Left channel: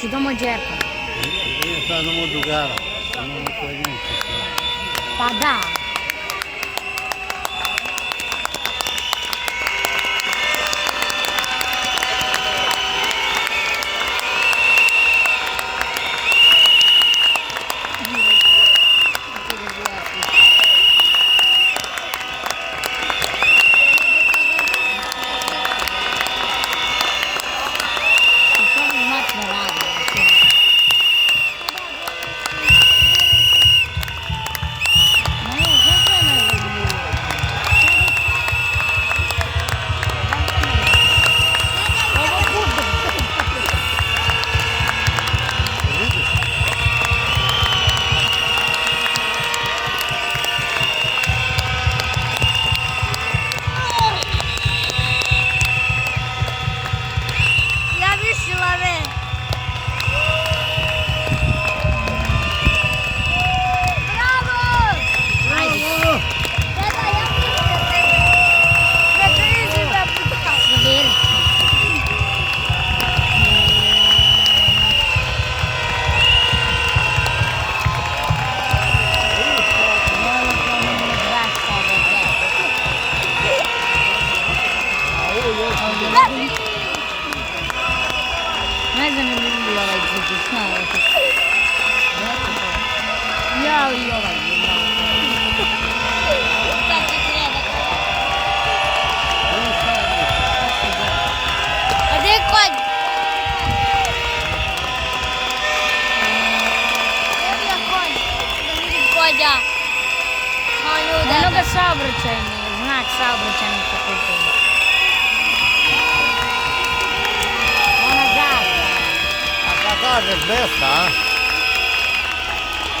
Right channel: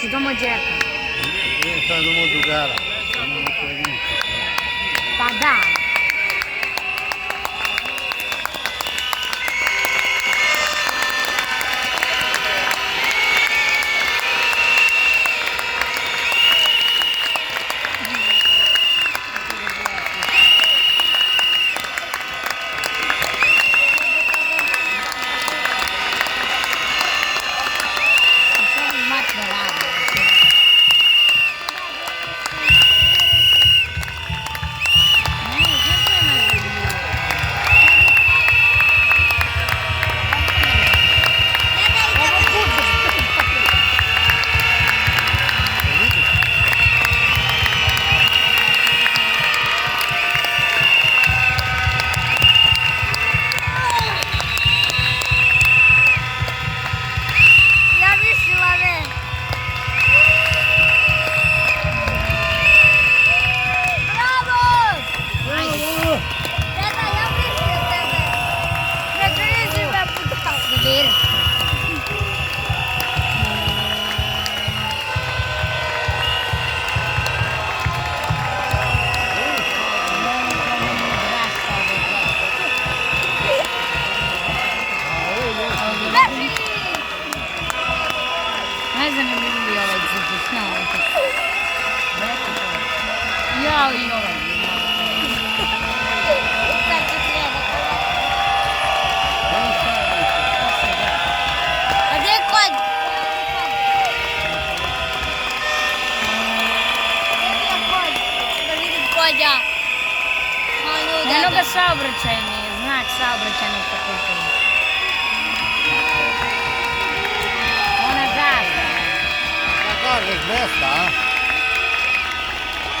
Ci domo džepa. Io fai molto gara, non mi fai niente. Pa da. Ne znam je li ovaj zvuči, znao. Ja i ovaj. A gdje je konj? Da vidim konja. Onoga saobraćajne, znak saobraćajne fakulteta. Ona zastava. A šta kažeš, 200, a?